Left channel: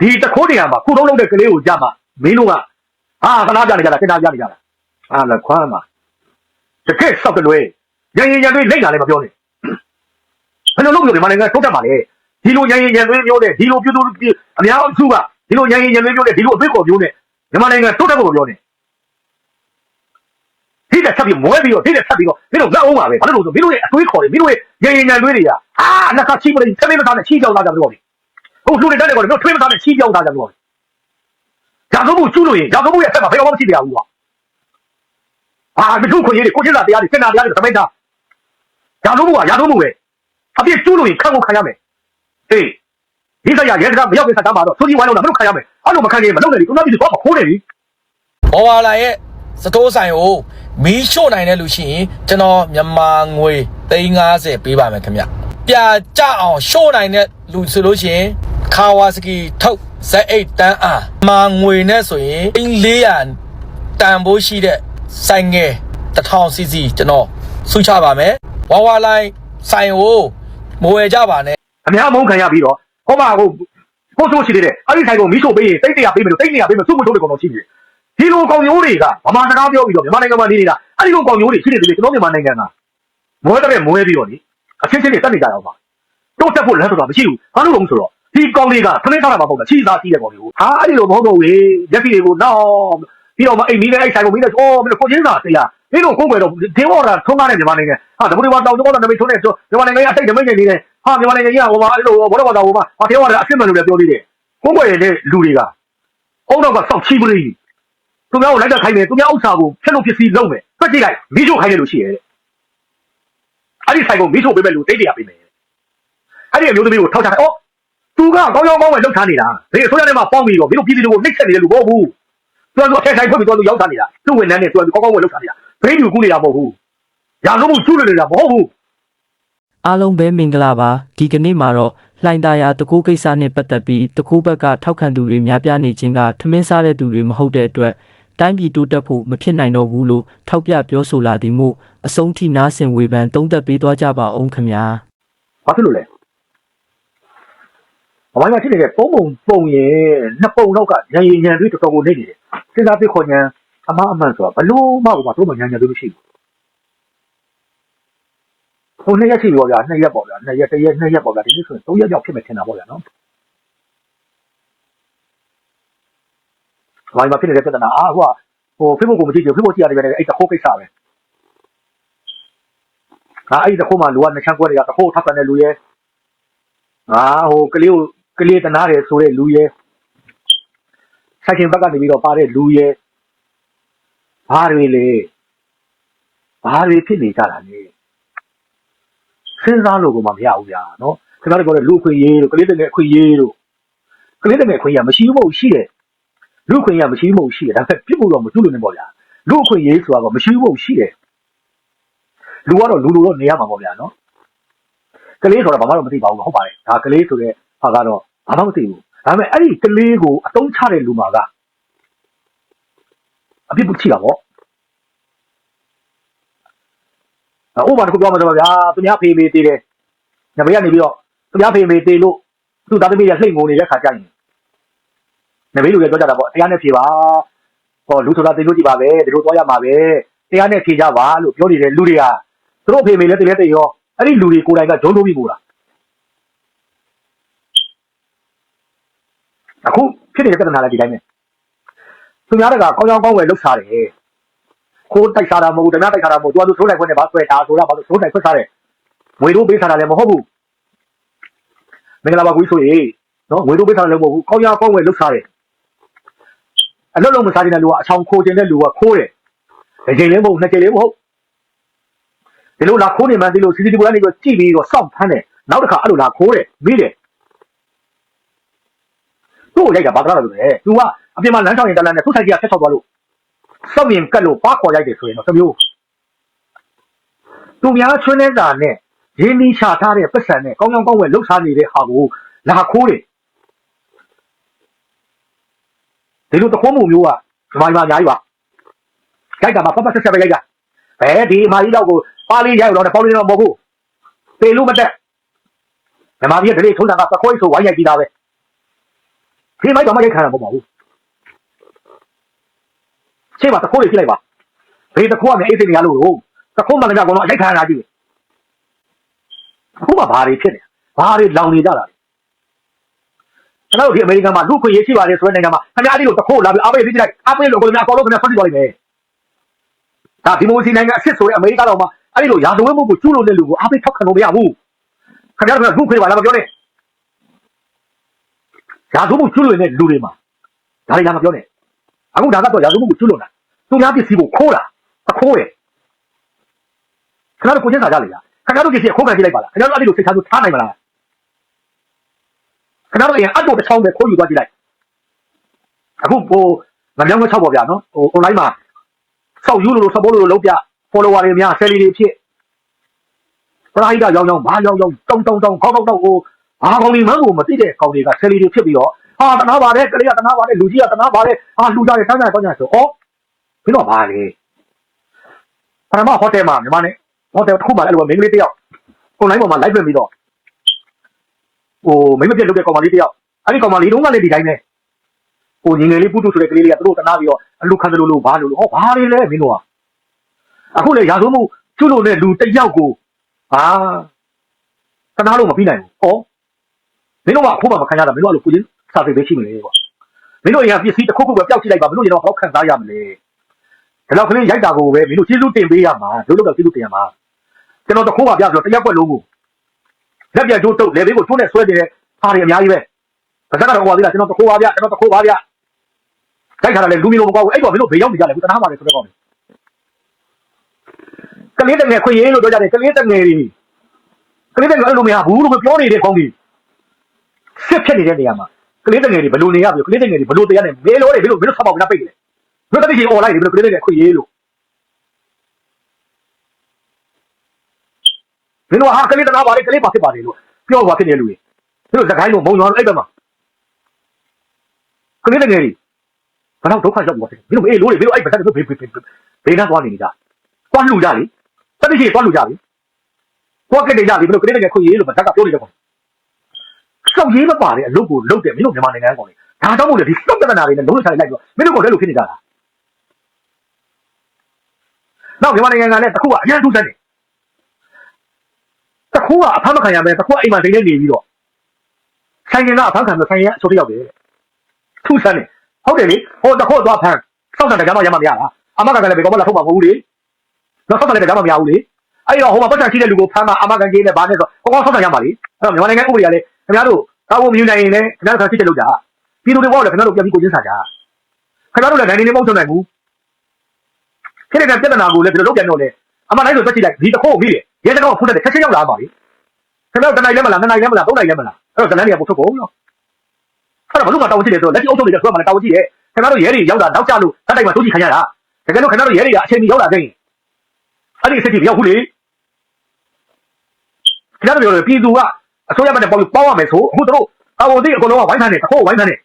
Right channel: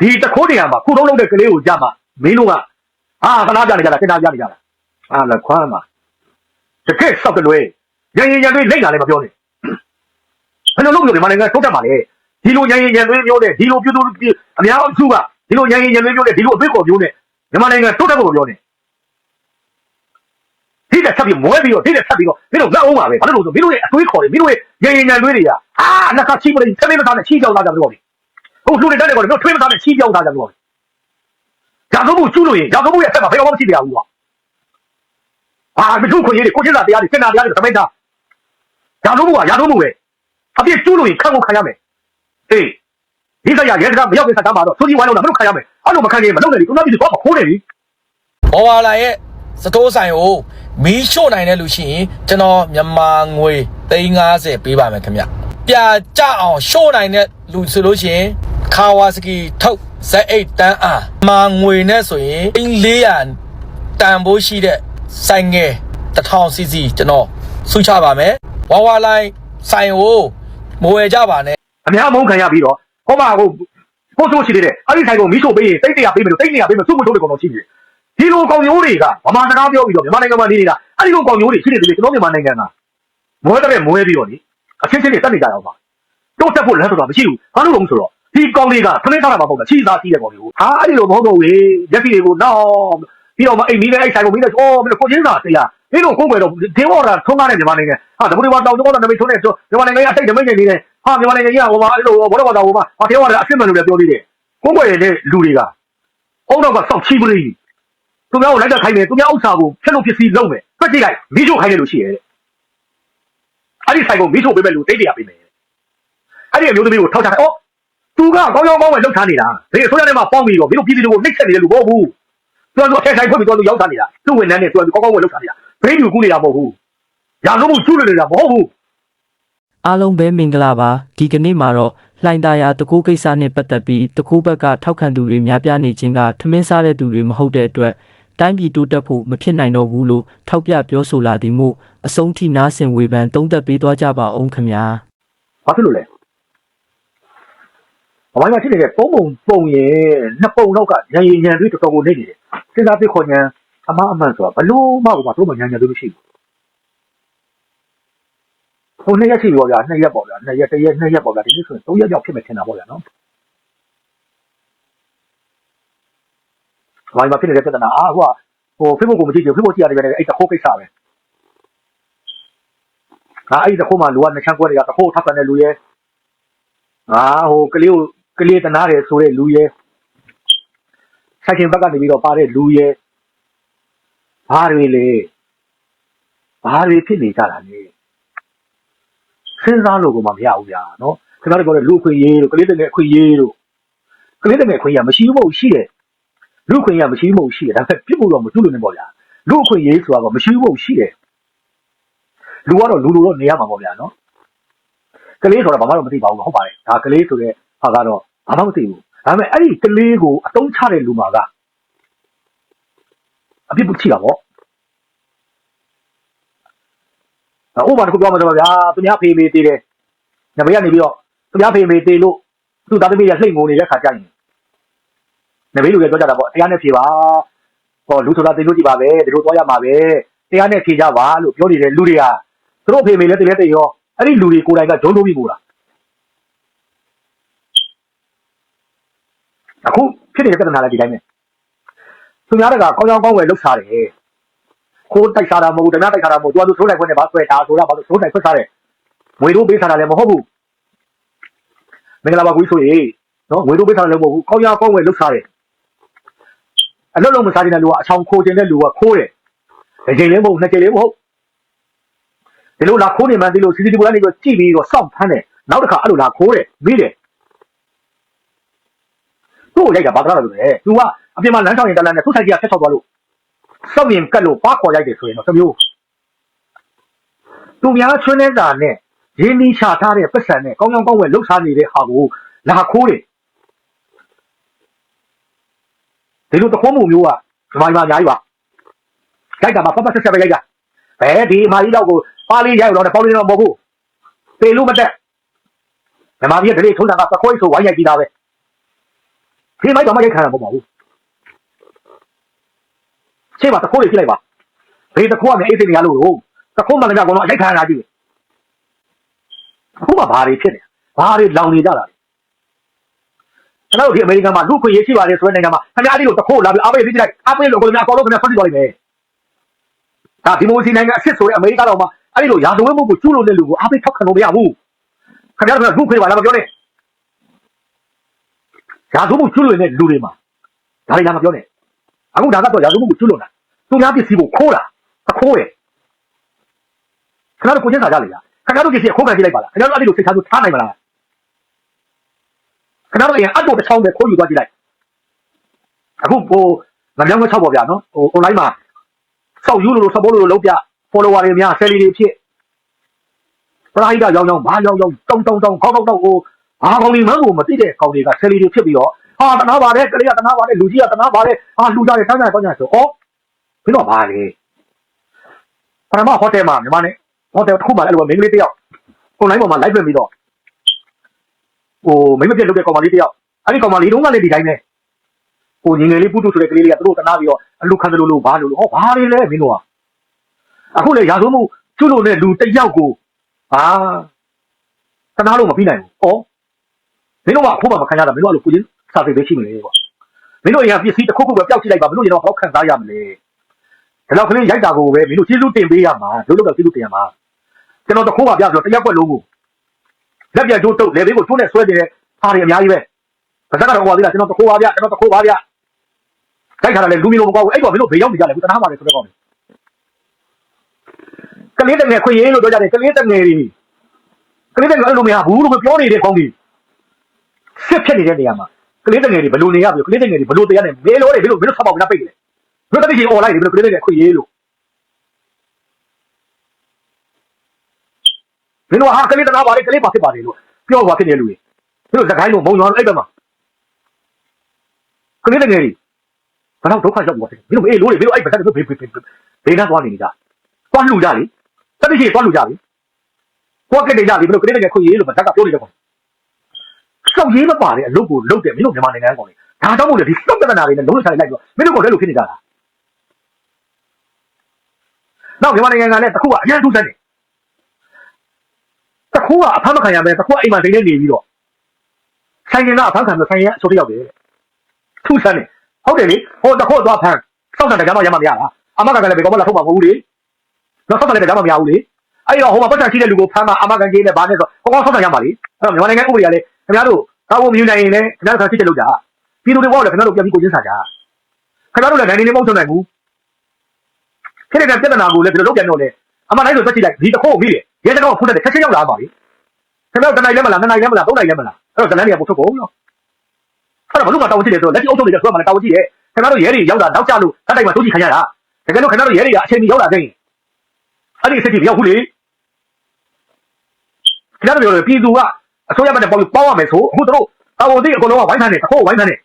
ဒီတခိုးနေရာမှာခုလုံးလုံးတဲ့ကလေးကိုကြမှာမင်းတို့ကအာခဏကြနေကြတာစင်တာကြနေကြတာအာလက်ခွားမှာတကယ်ဆောက်ကလွဲရရင်ရရင်လေးနေတာလည်းမပြောနဲ့ဘယ်လိုလုပ်လို့ဒီမှာနိုင်ငံထုတ်တတ်ပါလေဒီလိုရရင်ရရင်လေးမျိုးနဲ့ဒီလိုပြုစုအများစုကဒီလိုရရင်ရရင်လေးမျိုးနဲ့ဒီလိုအဖြစ်ကိုမျိုးနဲ့ဒီမှာနိုင်ငံထုတ်တတ်ဖို့ပြောနေဒီတက်ဆက်ပြီးမွဲပြီးတော့ဒီတက်ဆက်ပြီးတော့မင်းတို့လက်အောင်ပါပဲဘာလို့လဲဆိုမင်းတို့ရဲ့အတွေးခေါ်တယ်မင်းတို့ရဲ့ရရင်ရရင်တွေးတွေကအာနှစ်ခါချိမလို့သမင်းမသားနဲ့ချိကြောက်သားကြတယ်ပြောတယ် ဟုတ်လူတွေတက်တယ်ကောတော့ထွေးမသားနဲ့ချိကြောက်သားကြတယ်ပြောတယ်ရာဇဝမှုကျူးလို့ရင်ရာဇဝမှုရဲ့ဆက်မှာဘယ်တော့မှမရှိကြဘူးကွာအာမကျူးခွင့်ရေးတွေကိုချင်းစာတရားတွေစင်နာတရားတွေသမိတ်တာရာဇဝမှုကရာဇဝမှုပဲအပြစ်ကျူးလို့ရင်ခံကိုခံရမယ်ဟေးဒီစရာရဲစကားမရောက်ခင်စကားမှာတော့စိုးကြီးဝိုင်းလို့မလုပ်ခံရမယ်အဲ့လိုမခံရင်မလုပ်နဲ့ဒီကုနာပြီးတော့မခိုးနေပြီဘောဝါလာရဲ့စတိုးဆိုင်ကိုမီးရှို့နိုင်တဲ့လူရှိရင်ကျွန်တော်မြန်မာငွေ350ပေးပါမယ်ခင်ဗျပြကြအောင်ရှို့နိုင်တဲ့လူဆိုလို့ရှိရင် ခါဝါစကီထုတ် Z8 တန်းအားမာငွေနဲ့ဆိုရင်400တန်ဖိုးရှိတဲ့ဆိုင်ငယ်1000 cc ကျွန်တော်ဆုချပါမယ်ဝါဝါလိုင်းဆိုင်ကိုမဝယ်ကြပါနဲ့အများမုန်းခံရပြီးတော့ဟောမှာကိုကိုဆိုးရှိတယ်အဲ့ဒီဆိုင်ကိုမိဆိုပေးရင်သိတရားပြီးလို့သိတရားပြီးလို့စုံမလုပ်လို့ရှိတယ်ဒီလိုကောင်မျိုးတွေကဘာမှတရားပြောပြီးတော့မြန်မာနိုင်ငံမှာနေနေတာအဲ့ဒီလိုကောင်မျိုးတွေရှိနေတယ်ကျွန်တော်မြန်မာနိုင်ငံကမွဲတဲ့မွဲပြီးတော့လေအချင်းချင်းတွေတက်နေကြတော့ပါတို့တက်ဖို့လည်းဆိုတာမရှိဘူးဘာလို့လဲဆိုတော့ ဒီကောင်တွေကခင်းထားတာမဟုတ်လားချီသားရှိတဲ့ကောင်တွေကိုဟာအဲ့ဒီလိုမဟုတ်တော့ဘူးရက်ကြီးတွေကိုတော့ပြီးတော့မအိမ်မီးနဲ့အဲ့ဆိုင်ကိုမီးနဲ့အော်မင်းကိုချင်းစာတရားဒီလိုကိုယ်ပဲတော့ဒင်းဝါတာထုံးကားနေမြန်မာနိုင်ငံဟာဒီလိုတော့တောင်းတော့နမိတ်ထုံးနေဆိုမြန်မာနိုင်ငံအစိတ်နမိတ်နေနေတယ်ဟာမြန်မာနိုင်ငံကြီးကဟိုမှာအဲ့လိုဘောတော့ဘောတော့ဟိုမှာဟာဒင်းဝါတာအဖြစ်မှန်လို့လည်းပြောသေးတယ်ကိုယ်ွယ်တဲ့လူတွေကအောက်တော့ကစုချီးပြီးသူများကိုလိုက်တဲ့ခိုင်းတယ်သူများဥစ္စာကိုဖြတ်လို့ပစ္စည်းလုံးမယ်ပြစ်ကြည့်လိုက်မိချုပ်ခိုင်းတယ်လို့ရှိရဲ့အဲ့ဒီဆိုင်ကိုမိချုပ်ပေးမယ်လို့တိတ်တရားပေးမယ်အဲ့ဒီအမျိုးသမီးကိုထောက်ချတယ်အော် သူကကောင်းကောင်းကောင်းပဲလှုပ်ထားနေတာဒီအစိုးရထဲမှာပေါင်းပြီးတော့မင်းတို့ပြည်သူတွေကိုနှိပ်စက်နေတယ်လို့မဟုတ်ဘူးသူကသူအထက်ဆိုင်ဖွင့်ပြီးသူကရောက်ထားနေတာသူ့ဝန်ထမ်းတွေသူကကောင်းကောင်းဝင်လောက်ထားနေတာဘိန်းပြူကူးနေတာမဟုတ်ဘူးရာဇဝမှုကျူးလွန်နေတာမဟုတ်ဘူးအားလုံးပဲမင်္ဂလာပါဒီကနေ့မှာတော့လှိုင်သာယာတကူကိစ္စနဲ့ပတ်သက်ပြီးတကူဘက်ကထောက်ခံသူတွေများပြားနေခြင်းကထမင်းစားတဲ့သူတွေမဟုတ်တဲ့အတွက်တိုင်းပြည်တိုးတက်ဖို့မဖြစ်နိုင်တော့ဘူးလို့ထောက်ပြပြောဆိုလာသည်မို့အဆုံးထိနားဆင်ဝေဖန်သုံးသပ်ပေးသွားကြပါအောင်ခင်ဗျာဘာဖြစ်လို့လဲ ဘာလို့ရှိနေလဲပုံပုံပုံရင်နှစ်ပုံလောက်ကရန်ရန်ရန်ပြီးတော်တော်ကိုနေနေတယ်စဉ်းစားပြီးခေါ်ညာအမအမှန်ဆိုတာဘလို့မှဘာတို့မှညာညာလို့မရှိဘူးဟိုနှစ်ရက်ရှိရောဗျာနှစ်ရက်ပေါ့ဗျာနှစ်ရက်တစ်ရက်နှစ်ရက်ပေါ့ဗျာဒီနေ့ဆိုရင်သုံးရက်ကြောက်ဖြစ်မယ်ထင်တာပေါ့ဗျာနော်ဘာမှဖြစ်နေတဲ့ပြဿနာအာဟိုကဟို Facebook ကိုမကြည့်ချင် Facebook ကြည့်ရတယ်ပဲအဲ့တခိုးကိစ္စပဲဟာအဲ့တခိုးမှလူကနှစ်ချမ်းကွက်တွေကတခိုးထောက်ခံတဲ့လူရဲ့ဟာဟိုကလေးကို ကလေးတနာတယ်ဆိုတဲ့လူရဲ့ဆိုင်ကဘက်ကနေပြီးတော့ပါတဲ့လူရဲ့ဘာတွေလဲဘာတွေဖြစ်နေကြတာလဲစဉ်းစားလို့ကမှမရဘူးဗျာနော်ခင်ဗျားတို့ပြောတဲ့လူအခွင့်ရေးတို့ကလေးတငယ်အခွင့်ရေးတို့ကလေးတငယ်အခွင့်ရေးကမရှိဘူးမဟုတ်ရှိတယ်လူအခွင့်ရေးကမရှိဘူးမဟုတ်ရှိတယ်ဒါပေမဲ့ပြစ်ဖို့တော့မကျุလို့နေပေါ့ဗျာလူအခွင့်ရေးဆိုတာကမရှိဘူးမဟုတ်ရှိတယ်လူကတော့လူလူတော့နေရမှာပေါ့ဗျာနော်ကလေးဆိုတော့ဘာမှတော့မသိပါဘူးဟုတ်ပါတယ်ဒါကလေးဆိုတဲ့ ဟာကတော့ဘာမှမသိဘူးဒါပေမဲ့အဲ့ဒီကလေးကိုအတုံးချတဲ့လူမှာကအပြစ်ဖြစ်ရတယ်ဥပမာတစ်ခုပြောမှာတော့ဗျာသူများဖေးမေးသေးတယ်။ညမေကနေပြီးတော့သူများဖေးမေးသေးလို့သူ့သားသမီးရလှိမ့်ငုံနေတဲ့ခါကြိုက်နေ။ညမေလူတွေပြောကြတာပေါ့တရားနဲ့ဖြေပါ။ဟောလူဆိုတာသိလို့ကြည့်ပါပဲဒီလိုသွားရမှာပဲ။တရားနဲ့ဖြေကြပါလို့ပြောနေတဲ့လူတွေကသူတို့ဖေးမေးလဲတင်လဲတင်ရောအဲ့ဒီလူတွေကိုယ်တိုင်ကဂျုံတိုးပြီးပို့တာ။ အခုဖြစ်နေတဲ့ပြဿနာလည်းဒီတိုင်းပဲ။သူများကကောင်းကောင်းကောင်းဝယ်လုပ်စားတယ်။ကိုယ်တိုက်စားတာမဟုတ်ဘူးတနာတိုက်စားတာမဟုတ်ဘူးသူကသူထိုးလိုက်ခွင့်နဲ့ဘာဆွဲတာဆိုတာဘာလို့ထိုးလိုက်ခွင့်စားတယ်။ဝေတို့ပေးစားတာလည်းမဟုတ်ဘူး။မင်္ဂလာပါကွေးဆိုရေနော်ဝေတို့ပေးစားတာလည်းမဟုတ်ဘူး။ကောင်းကောင်းကောင်းဝယ်လုပ်စားတယ်။အလုပ်လုပ်မစားတဲ့လူကအချောင်ခိုးခြင်းတဲ့လူကခိုးတယ်။တစ်ချိန်လေးမဟုတ်နှစ်ချိန်လေးမဟုတ်ဒီလိုလာခိုးနေမှဒီလိုစီစီတီဗီကနေပြီးကြည့်ပြီးတော့စောင့်ဖမ်းတယ်နောက်တစ်ခါအဲ့လိုလာခိုးတယ်မိတယ် သူ့ကိုရိုက်တာဘာသာလဲဆိုတော့ तू ကအပြင်မှာလမ်းဆောင်ရင်တလန်းနဲ့သူ့ဆိုင်ကြီးကဆက်ဆောက်သွားလို့စောက်မြင်ကတ်လို့ပါခေါ်ရိုက်တယ်ဆိုရင်တော့တမျိုးသူများချွန်းနေတာနဲ့ရင်းနှီးချထားတဲ့ပတ်စံနဲ့ကောင်းကောင်းကောင်းဝယ်လှုပ်ရှားနေတဲ့ဟာကိုလာခိုးတယ်ဒီလိုတခိုးမှုမျိုးကဒီမှာဒီမှာအများကြီးပါရိုက်တာမှာပတ်ပတ်ဆက်ဆက်ပဲရိုက်တာဘယ်ဒီအမကြီးတော့ကိုပါလီရိုက်တော့ပေါင်းနေတော့မဟုတ်ဘူးပေလို့မတက်ဓမ္မကြီးကတည်းကထုံးတာကသခွိဆိုဝိုင်းရိုက်ကြည့်တာပဲ ဒီမိုက်တော့မရိုက်ခံရမှာမဟုတ်ဘူးရှင်းပါတခိုးလေးကြည့်လိုက်ပါဘေးတခိုးကလည်းအေးစိတ်နေရလို့တခိုးမှလည်းကတော့အရိုက်ခံရတာကြည့်အခုမှဘာတွေဖြစ်နေဘာတွေလောင်နေကြတာကျွန်တော်တို့ဒီအမေရိကန်မှာလူခွင့်ရေးရှိပါတယ်ဆိုတဲ့နိုင်ငံမှာခင်ဗျားဒီလိုတခိုးလာပြီးအားပေးပြီးကြည့်လိုက်အားပေးလို့ကိုယ်များအကောလုံးခင်ဗျာဆွတ်ကြည့်ပါလိမ့်မယ်ဒါဒီမိုစီနိုင်ငံအစ်စ်ဆိုတော့အမေရိကန်တော့အဲ့လိုရန်ကုန်မှုကိုကျူးလို့တဲ့လူကိုအားပေးထောက်ခံလို့မရဘူးခင်ဗျားတို့ကလူခွင့်ပါလားမပြောနဲ့ ရာဇဝမှုကျွလွန်တဲ့လူတွေမှာဒါတွေလည်းမပြောနဲ့အခုဒါကတော့ရာဇဝမှုကိုကျွလွန်တာသူများပစ္စည်းကိုခိုးအခုလေခဏတော့ကိုကျင်းစာကြလေလားခဏတော့ကြည့်ခိုးကြည့်လိုက်ပါလားခဏတော့အဲ့ဒီလိုစိတ်ထားလို့ထားနိုင်မလားခဏတော့ရင်အတူတစ်ချောင်းပဲခိုးယူသွားကြည့်လိုက်အခုငါကြောင့်မချောက်ပါဗျာနော်ဟို online မှာစောက်ယူလို့စပိုးလို့လုံးပြ follower တွေများ salary တွေဖြစ်တရာဟိတရောင်းရောင်းဘာရောင်းရောင်းတုံတုံတုံခေါက်ခေါက်တော့ဟို ဘာကောင်းနေမှန်းကိုမသိတဲ့ကောင်တွေက salary တွေဖြစ်ပြီးတော့ဟာတနာပါတယ်ကလေးကတနာပါတယ်လူကြီးကတနာပါတယ်ဟာလူကြတယ်တန်းကြတယ်တောင်းကြဆိုဩဒီတော့ဘာလဲပရမဟိုတယ်မှာမြန်မာနဲ့ဟိုတယ်တစ်ခုမှအဲ့လိုပဲမိန်းကလေးတယောက်ကိုလိုင်းပေါ်မှာ live ပြင်ပြီးတော့ဟိုမိန်းမပြတ်လုပ်တဲ့ကောင်မလေးတယောက်အဲ့ဒီကောင်မလေးတုန်းကလည်းဒီတိုင်းပဲဟိုငငယ်လေးပုတုဆိုတဲ့ကလေးလေးကသူတို့တနာပြီးတော့အလူခံတယ်လို့လို့ဘာလို့လို့ဟောဘာလဲလဲမင်းတို့ကအခုလေရာဇဝမှုကျွလို့လေလူတယောက်ကိုအာတနာလို့မပြီးနိုင်ဘူးဩ မင်းတို့ကအခုမှမခံရတာမင်းတို့ကလို့ကိုချင်းစာပေပဲရှိမလဲကွာမင်းတို့တွေကပစ္စည်းတစ်ခုခုပဲပျောက်ကြည့်လိုက်ပါမင်းတို့ရင်တော့ဟောက်ခံစားရမလဲဒီလောက်ကလေးရိုက်တာကိုပဲမင်းတို့ကျေးဇူးတင်ပေးရမှာလုံးလုံးတော့ကျေးဇူးတင်ရမှာကျွန်တော်တခိုးပါပြဆိုတော့တရက်ွက်လုံးကိုလက်ပြတ်တို့တုတ်လေဘေးကိုချိုးနဲ့ဆွဲနေတဲ့အားတွေအများကြီးပဲအသက်ကတော့ဟိုပါပြီလားကျွန်တော်တခိုးပါပြကျွန်တော်တခိုးပါပြခိုက်ထားတာလေလူမျိုးလုံးမကွာဘူးအဲ့တော့မင်းတို့ဘေးရောက်နေကြတယ်ဒီတနာပါပဲဆိုတော့ကလေးတငယ်ခွေရေးလို့ပြောကြတယ်ကလေးတငယ်တွေကလေးတငယ်အဲ့လိုမရဘူးလို့ပြောနေတဲ့ကောင်းကြီး စစ်ဖြစ်နေတဲ့နေရာမှာကလေးတငယ်တွေဘယ်လိုနေရပြီကလေးတငယ်တွေဘယ်လိုတရားနေမေလို့တွေဘယ်လိုဘယ်လိုဆောက်ပါ့မလားပိတ်တယ်ဘယ်လိုတတိယ online တွေဘယ်လိုကလေးတငယ်ခွေရေးလို့မင်းတို့ဟာကလေးတနာပါလေကလေးပါဖြစ်ပါလေလို့ပြောပါဖြစ်နေလူတွေသူတို့စကိုင်းတော့မုံသွားလိုက်ပါမှာကလေးတငယ်တွေဘယ်တော့ဒုက္ခရောက်သွားတယ်မင်းတို့အေးလို့တွေမင်းတို့အဲ့ဘက်ကနေဘေးဘေးဘေးဘေးနဲ့သွားနေကြသွားလို့ကြလေတတိယသွားလို့ကြလေဘယ်ကနေကြလေဘယ်လိုကလေးတငယ်ခွေရေးလို့ဘာသာပြောနေတယ် ဆောက်ရေးမပါတဲ့အလုပ်ကိုလုပ်တယ်မင်းတို့မြန်မာနိုင်ငံပေါ်ဒါတော့မဟုတ်ဘူးစောက်နေတာတွေလည်းလုံးချလိုက်တော့မင်းတို့ကလည်းလို့ဖြစ်နေကြတာနောက်မြန်မာနိုင်ငံကလည်းတစ်ခုကအရင်ထုတ်တယ်တစ်ခုကအဖမ်းမခံရမယ်တစ်ခုအိမ်မှာဒိနေနေပြီးတော့ဆိုင်ရင်ကအဖမ်းခံမယ်ဆိုင်ရင်အဆိုတယောက်တယ်ထူဆန်းဟုတ်တယ်လေဟိုတစ်ခုတော့ဖမ်းစောက်တယ်ကြောင်ရမှာမရလားအမကလည်းဘယ်မှာလာထုတ်မှာမဟုတ်ဘူးလေနောက်စောက်တယ်ကြောင်မရဘူးလေအဲ့တော့ဟိုမှာပတ်သက်ရှိတဲ့လူကိုဖမ်းမှာအမကန်ကြီးနဲ့ဘာနဲ့ဆိုဟိုကောင်ဆောက်တယ်ရမှာလေအဲ့တော့မြန်မာနိုင်ငံဥပဒေကလည်း ခင်ဗျားတို့ကောင်းဖို့မယူနိုင်ရင်လည်းခင်ဗျားဆက်စစ်တယ်လို့ကြာပြည်သူတွေဘောလည်းခင်ဗျားတို့ပြန်ပြီးကိုချင်းစားကြခင်ဗျားတို့လည်းနိုင်နေနေမဟုတ်နိုင်ဘူးခဲ့တဲ့စစ်တနာကိုလည်းဘယ်လိုလုပ်ပြန်လို့လဲအမလည်းဆိုတက်ကြည့်လိုက်ဒီတစ်ခုမိတယ်ရဲတကောဖုတ်တဲ့ချက်ချင်းရောက်လာပါလေခင်ဗျားတို့တနိုင်လည်းမလားနှစ်နိုင်လည်းမလားသုံးနိုင်လည်းမလားအဲ့တော့တနိုင်တွေကပို့ထုတ်ဖို့နော်အဲ့တော့ဘယ်လိုမှတောင်းကြည့်တယ်ဆိုလက်ရှိအုပ်ချုပ်နေတဲ့ဆွဲမှလည်းတောင်းကြည့်တယ်ခင်ဗျားတို့ရဲတွေရောက်တာနောက်ကျလို့တတ်တိုင်းမှာတိုးကြည့်ခံရတာတကယ်လို့ခင်ဗျားတို့ရဲတွေကအချိန်ကြီးရောက်လာခဲ့ရင်အဲ့ဒီစစ်တီရောက်ခုလေခင်ဗျားတို့ပြောတယ်ပြည်သူက အစိုးရမှလည်းပေါ့ပေါ့ရမယ်ဆိုအခုတို့အဝတိအကုန်လုံးကဝိုင်းထားတယ်အဖို့ဝိုင်းထားတယ်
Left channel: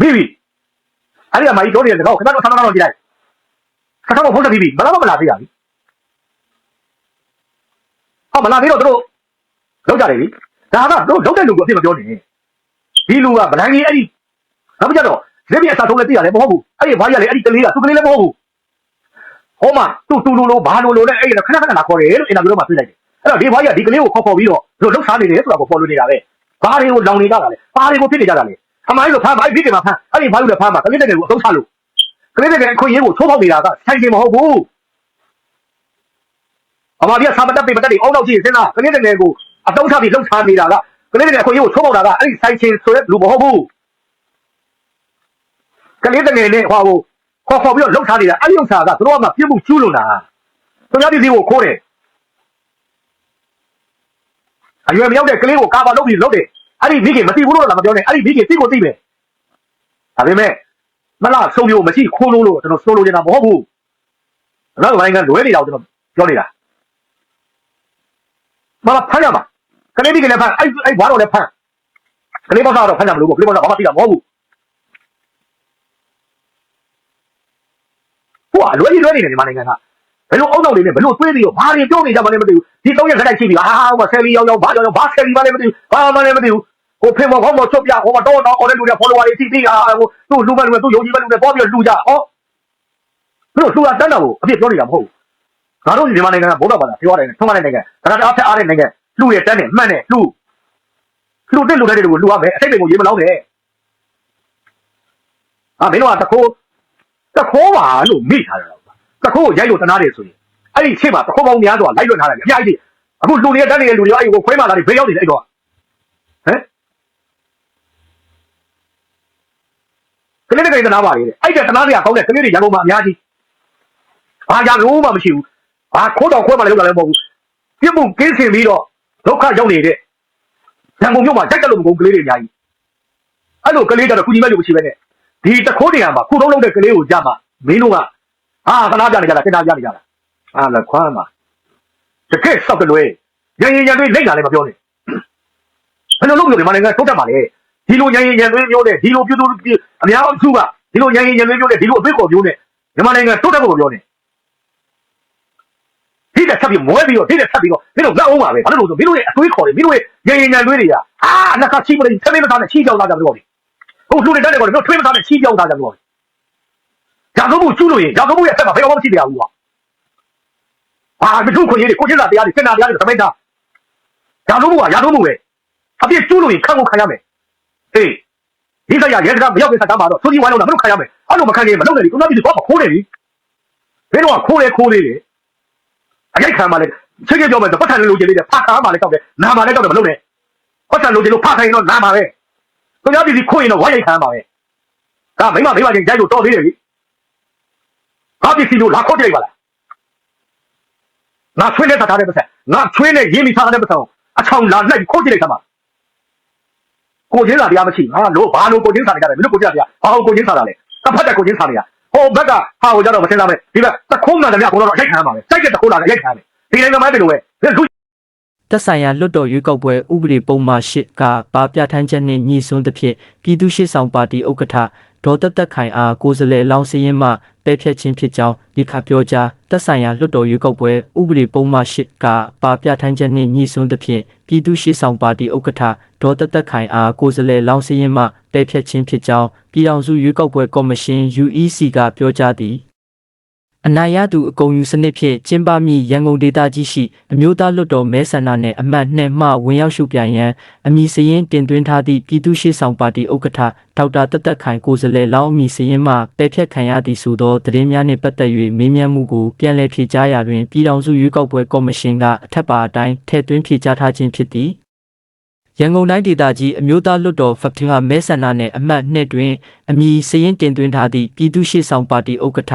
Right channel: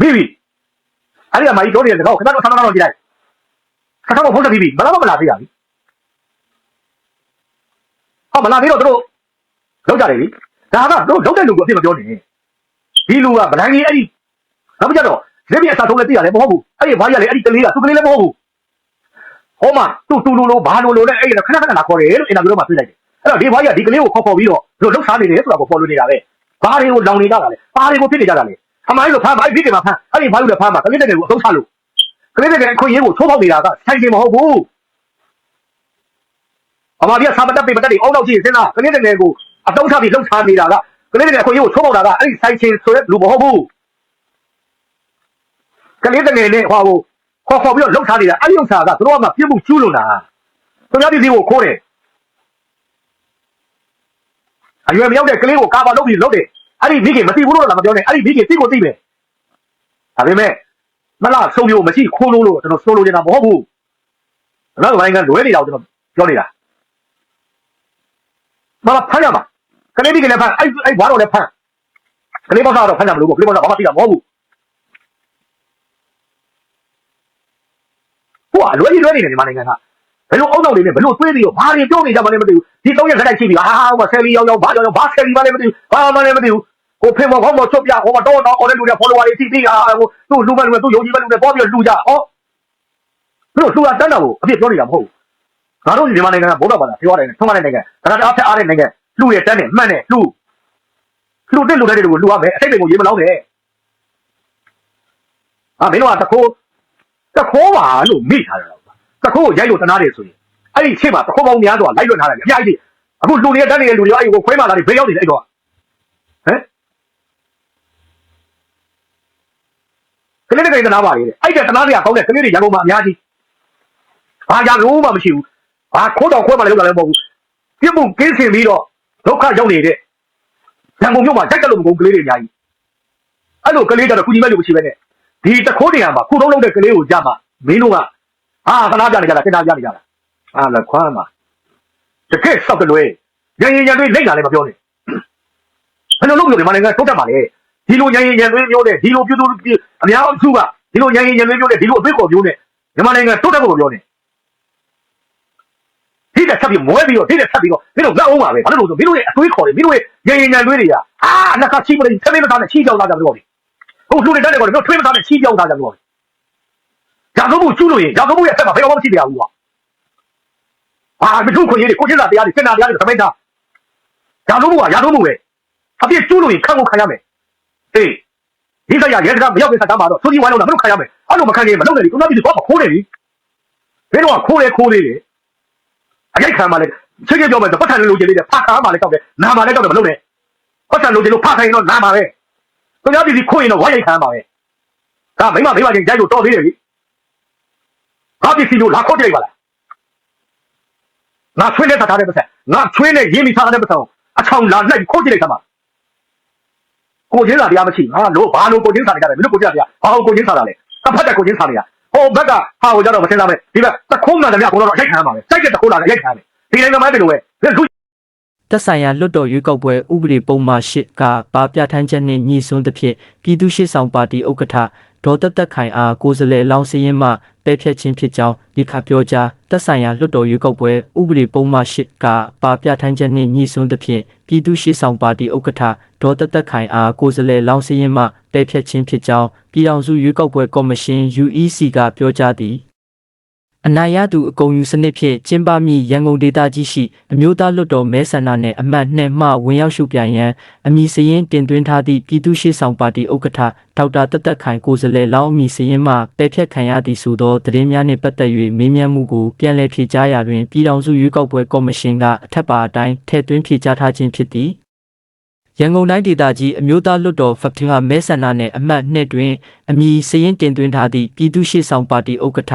မိပြီအဲ့ဒီကမာကြီးတို့တွေကခင်ဗျားတို့ဆန္ဒတော့ကြည့်လိုက်ဆန္ဒတော့ဖုန်းဆက်ပြီးပြီဘယ်တော့မှမလာသေးရဘူးဟောမလာသေးတော့တို့လောက်ကြနေပြီဘာကတော့လောက်တဲ့လူကအဖြစ်ပြောနေဒီလူကဗလန်ကြီးအဲ့ဒီလောက်ကြတော့လက်ပြအစားဆုံးလည်းသိရတယ်မဟုတ်ဘူးအဲ့ဒီဘာကြီးကလည်းအဲ့ဒီကလေးကသူကလေးလည်းမဟုတ်ဘူးဟောမတူတူလိုလိုဘာလိုလိုလဲအဲ့ဒီခဏခဏလာခေါ်တယ်လို့အင်တာဗျူးတော့မှတွေ့လိုက်တယ် အဲ့တော့ဒီဘာကြီးကဒီကလေးကိုခေါ်ခေါ်ပြီးတော့တို့လှုပ်ရှားနေတယ်ဆိုတာကိုပေါ်လို့နေတာပဲဘာတွေကိုလောင်နေကြတာလဲဘာတွေကိုဖြစ်နေကြတာလဲအမိုင်းကိုဖမ်းပါအဲ့ဒီကမှာဖမ်းအဲ့ဒီဘာလို့လဲဖမ်းပါကလေးတကယ်ကိုအဆုံးချလို့ကလေးတကယ်အခွင့်အရေးကိုချိုးဖောက်နေတာကဆိုင်ရှင်မဟုတ်ဘူးအမပြဆာမတက်ပေမတက်ဒီအောက်တော့ကြည့်စင်းလားကလေးတကယ်ကိုအဆုံးချပြီးလှုပ်ရှားနေတာကကလေးတကယ်အခွင့်အရေးကိုချိုးဖောက်တာကအဲ့ဒီဆိုင်ရှင်ဆိုတဲ့လူမဟုတ်ဘူးကလေးတကယ်လေးဟောကိုခေါ်ခေါ်ပြီးတော့လှုပ်ရှားနေတာအဲ့ဒီဥစ္စာကသူတို့ကမှပြစ်မှုကျူးလို့လားသူများပြည်စီကိုခိုးတယ် အရွယ်မရောက်တဲ့ကလေးကိုကာပါလုပ်ပြီးလုပ်တယ်အဲ့ဒီမိခင်မသိဘူးလို့လည်းမပြောနဲ့အဲ့ဒီမိခင်သိကိုသိတယ်ဒါပေမဲ့မလားဆုံးမျိုးမရှိခိုးလို့လို့ကျွန်တော်ဆိုလိုနေတာမဟုတ်ဘူးနောက်ပိုင်းကလွဲနေတော့ကျွန်တော်ပြောနေတာမလားဖမ်းရမှာကလေးမိခင်လည်းဖမ်းအဲ့အဲ့ဘာတော့လည်းဖမ်းကလေးဘာသာတော့ဖမ်းတယ်လို့ပြောလို့တော့ပြတာမဟုတ်ဘူးဟိုအလွဲကြီးလွဲနေတယ်ဒီမှာနိုင်ငံက ဘယ်လိုအုံနောက်လေးနဲ့ဘယ်လိုသွေးပြီးတော့ဘာတွေပြောနေကြမှလည်းမသိဘူးဒီသုံးရက်ခက်တိုက်ရှိပြီဟာဟိုမှာဆယ်လီရောင်ရောင်ဘာရောင်ရောင်ဘာဆယ်လီမှလည်းမသိဘူးဘာမှလည်းမသိဘူးဟဟိုဖင်မောခေါင်းမောချွတ်ပြဟိုမှာတော့တော့အော်တဲ့လူတွေ follower တွေအတိအကျဟိုသူ့လူမဲ့လူမဲ့သူ့ယုံကြည်မဲ့လူတွေတော့ပြီးတော့လူကြဟောဟာဆိုတာတန်းတော်ကိုအပြစ်ပြောနေတာမဟုတ်ဘူးငါတို့မြန်မာနိုင်ငံကဘုံတော်ပါလားပြောရတယ်ထုံးမတဲ့နိုင်ငံဒါကတအားဖက်အားတဲ့နိုင်ငံလူရဲ့တန်းနဲ့မှတ်နဲ့လူလူတဲ့လူတွေကိုလူရမယ်အစိတ်တွေကိုရေးမလောင်းနဲ့အာမင်းတို့ကတခိုးတခိုးပါလို့မိထားတယ် တခိုးကိုရိုက်လို့တနာတယ်ဆိုရင်အဲ့ဒီရှေ့မှာတခိုးပေါင်းများစွာလိုက်လွတ်ထားတယ်အများကြီးအခုလူတွေတန်းနေတဲ့လူတွေအဲ့ဒီကိုခွဲမှလာပြီးဘယ်ရောက်နေလဲအဲ့တော့ဟမ်ကလေးတွေကတနာပါလေအဲ့ဒါတနာတွေကကောင်းတဲ့ကလေးတွေရန်ကုန်မှာအများကြီးဟာရန်ကုန်မှာမရှိဘူးဟာခိုးတော့ခိုးတယ်လို့လည်းမဟုတ်ဘူးပြစ်မှုကင်းစင်ပြီးတော့ဒုက္ခရောက်နေတဲ့ရန်ကုန်မြို့မှာကြိုက်ကြလို့မကုန်ကလေးတွေအများကြီးအဲ့လိုကလေးတွေတော့ကုညီမဲ့လို့မရှိပဲနဲ့ဒီတခိုးနေရာမှာကိုတော့လုပ်တဲ့ကလေးကိုကြမှာမင်းတို့က ဟာကနာပြနေကြတာတင်တာပြနေကြတာအဲ့ဒါခွမ်းမှာတကယ်ဆုကလွဲရရင်ရန်တွေလိမ့်တာလည်းမပြောနဲ့ဘယ်လိုလုပ်လို့ဒီမနိုင်ငံထုတ်တတ်ပါလဲဒီလိုညင်ရင်ညင်သွေးမျိုးနဲ့ဒီလိုပြုစုအများစုကဒီလိုညင်ရင်ညင်သွေးမျိုးနဲ့ဒီလိုအသွေးခေါ်မျိုးနဲ့မြန်မာနိုင်ငံတိုးတက်ဖို့ပြောနေဒီတက်ဆက်ပြီးမွဲပြီးတော့ဒီတက်ဆက်ပြီးတော့ဒီလိုလက်အောင်ပါပဲဘာလို့လဲဆိုမင်းတို့ရဲ့အသွေးခေါ်တွေမင်းတို့ရဲ့ညင်ရင်ညင်သွေးတွေကအာနက်ကချိမလေးသမင်းမသားနဲ့ချီးကြောက်လာကြလို့ဟုတ်လူတွေတက်တယ်ကောမျိုးထွေးမသားနဲ့ချီးကြောက်လာကြလို့ ရာဇဝတ်ကျူးလို့ရင်ရာဇဝတ်ရဲ့အဆက်မှာဘယ်တော့မှမရှိတရားဘူးကွာအာမထုခွင့်ရည်ကိုချင်းစာတရားတွေစင်နာတရားတွေသမင်းသားရာဇဝတ်ကရာဇဝတ်ပဲအပြစ်ကျူးလို့ရင်ခံကိုခံရမယ်အေးဒီကရရေကပြောင်းနေတာတော့ဆိုဒီဝါတော့မခရမယ်အဲ့လိုမခံရင်မလုပ်နဲ့ဒီကုနာပြည်တော့ခိုးနေပြီဘယ်တော့ခိုးလဲခိုးလေးလေအကြိုက်ခံပါလေချက်ချက်ပြောမယ်ပတ်ထန်လိုချင်လေးတဲ့ဖတ်ထားပါလေတောက်တယ်နာပါလေတောက်တယ်မလုပ်နဲ့ပတ်ထန်လိုချင်လို့ဖတ်ထိုင်တော့နာပါပဲကုနာပြည်ခိုးရင်တော့ဝိုင်းရိုက်ခံပါပဲဟာမိမမိမချင်းရိုက်လို့တော်သေးတယ်လေ ဟာပစ္စည်းတို့လာခိုးကြိုက်ပါလားငါဆွေးနဲ့တထားတဲ့ပတ်စံငါဆွေးနဲ့ရင်းပြီးဖောင်းတဲ့ပတ်စံအချောင်းလာလိုက်ခိုးကြည့်လိုက်တာပါကိုချင်းစာတရားမရှိငါလို့ဘာလို့ကိုချင်းစာနေကြတယ်မင်းတို့ကိုချင်းစာတရားဘာလို့ကိုချင်းစာတာလဲတစ်ဖက်တက်ကိုချင်းစာနေရဟိုဘက်ကဟာကိုကြတော့မသိလားပဲဒီဘက်တခုံးမှန်တယ်မြကိုတော့ရိုက်ခံရပါမယ်စိုက်တဲ့တခုံးလာတယ်ရိုက်ခံရတယ်ဒီနိုင်ငံမှာတည်းလို့ပဲတက်ဆိုင်ရာလွတ်တော်ရွေးကောက်ပွဲဥပဒေပုံမှန်၈ကပါပြဋ္ဌာန်းချက်နှင့်ညီစွန်းသဖြင့်ပြည်သူ့ရှေ့ဆောင်ပါတီဥက္ကဋ္ဌဒေါ်တက်တက်ခိုင်အားကိုယ်စားလှယ်လောင်းစည်းရင်မှ ပယ်ဖျက်ခြင်းဖြစ်ကြောင်းဒီခါပြောကြားတက်ဆိုင်ရာလွတ်တော်ရွေးကောက်ပွဲဥပဒေပုံမှန်၈ကပါပြဋ္ဌာန်းချက်နှင့်ညီစွန်းသဖြင့်ပြည်သူ့ရှေ့ဆောင်ပါတီဥက္ကဋ္ဌဒေါ်တက်တက်ခိုင်အားကိုယ်စားလှယ်လောင်းစည်းရင်မှပယ်ဖျက်ခြင်းဖြစ်ကြောင်းပြည်ထောင်စုရွေးကောက်ပွဲကော်မရှင် UEC ကပြောကြားသည် အနာရသူအကုန်ယူစနစ်ဖြင့်ကျင်းပမည့်ရန်ကုန်ဒေသကြီးရှိအမျိုးသားလွတ်တော်မဲဆန္ဒနယ်အမှတ်2မှဝင်ရောက်ရှုပြိုင်ရန်အမည်စရင်တင်သွင်းထားသည့်ပြည်သူ့ရှေ့ဆောင်ပါတီဥက္ကဋ္ဌဒေါက်တာတက်တက်ခိုင်ကိုယ်စားလှယ်လောင်းအမည်စရင်မှပယ်ဖျက်ခံရသည်ဆိုသောသတင်းများနှင့်ပတ်သက်၍မေးမြန်းမှုကိုပြန်လည်ဖြေကြားရာတွင်ပြည်ထောင်စုရွေးကောက်ပွဲကော်မရှင်ကအထက်ပါအတိုင်းထည့်သွင်းဖြေကြားထားခြင်းဖြစ်သည် ရန်ကုန်တိုင်းဒေသကြီးအမျိုးသားလွှတ်တော်ဖက်တင်ကမဲဆန္ဒနယ်အမှတ်2တွင်အမည်စရင်တင်သွင်းထားသည့်ပြည်သူ့ရှေ့ဆောင်ပါတီဥက္ကဋ္ဌ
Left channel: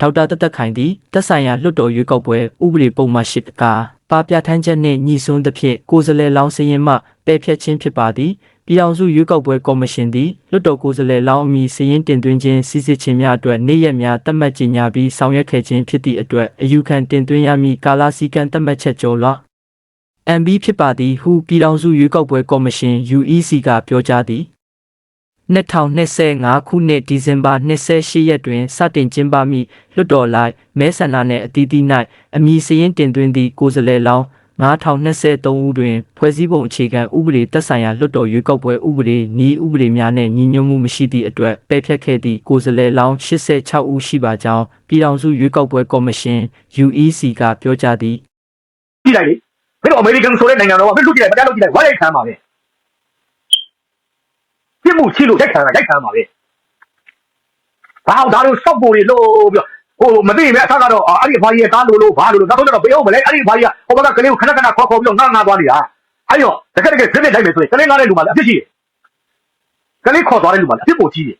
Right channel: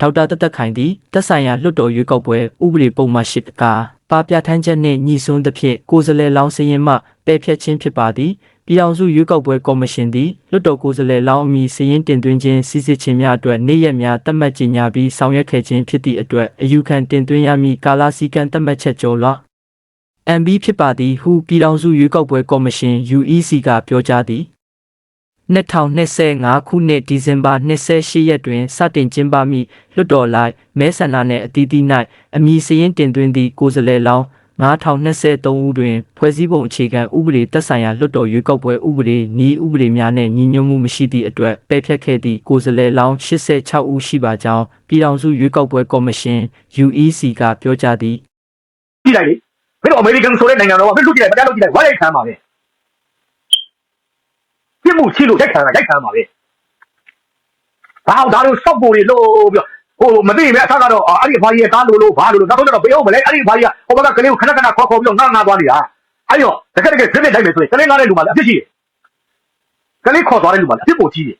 ဒေါက်တာတက်တက်ခိုင်သည်တက်ဆိုင်ရာလွှတ်တော်ရွေးကောက်ပွဲဥပဒေပုံမှန်၈ကပါပြဋ္ဌာန်းချက်နှင့်ညီစွန်းသဖြင့်ကိုယ်စားလှယ်လောင်းစရင်မှပယ်ဖျက်ခြင်းဖြစ်ပါသည်ပြည်အောင်စုရွေးကောက်ပွဲကော်မရှင်သည်လွှတ်တော်ကိုယ်စားလှယ်လောင်းအမည်စရင်တင်သွင်းခြင်းစီစစ်ခြင်းများအတွက်နေ့ရက်များသတ်မှတ်ကြေညာပြီးဆောင်ရွက်ခဲ့ခြင်းဖြစ်သည့်အတွက်အယူခံတင်သွင်းရမည့်ကာလစည်းကမ်းသတ်မှတ်ချက်ကျော်လွှာ MB ဖြစ်ပါသည်ဟုပြည်ထောင်စုရွေးကောက်ပွဲကော်မရှင် UEC ကပြောကြားသည်2025ခုနှစ်ဒီဇင်ဘာ28ရက်တွင်စတင်ကျင်းပမည့်လွှတ်တော်လိုက်မဲဆန္ဒနယ်အသီးသီး၌အမည်စရင်တင်သွင်းသည့်ကိုယ်စားလှယ်လောင်း9023ဦးတွင်ဖွဲ့စည်းပုံအခြေခံဥပဒေသက်ဆိုင်ရာလွှတ်တော်ရွေးကောက်ပွဲဥပဒေနည်းဥပဒေများနှင့်ညီညွတ်မှုမရှိသည့်အတွက်ပယ်ဖျက်ခဲ့သည့်ကိုယ်စားလှယ်လောင်း86ဦးရှိပါကြောင်းပြည်ထောင်စုရွေးကောက်ပွဲကော်မရှင် UEC ကပြောကြားသည်ကြည့်လိုက်လေ ဒါတော့အမေရိကန်ဆိုတဲ့နိုင်ငံတော်ကမင်းတို့ကြည့်တယ်တရားလို့ကြည့်တယ်ဘာရိုက်ခံပါပဲပြစ်မှုရှိလို့ရိုက်ခံတာရိုက်ခံပါပဲဟာဒါတို့စောက်ပေါ်တွေလို့ပြောဟိုမသိပဲအထားကတော့အဲ့ဒီဘာကြီးကကားလို့လို့ဘာလို့လို့နောက်တော့ဘယ်ဟုတ်မလဲအဲ့ဒီဘာကြီးကဟိုဘက်ကကလေးကိုခဏခဏခေါ်ခေါ်ပြီးတော့ငါငါသွားနေတာအဲ့ရောဒီကနေ့ခဏနိုင်မယ်ဆိုရင်ကလေးနားတဲ့လူပါလားအဖြစ်ရှိကလေးခေါ်သွားတဲ့လူပါလားအဖြစ်ကိုကြီးတယ်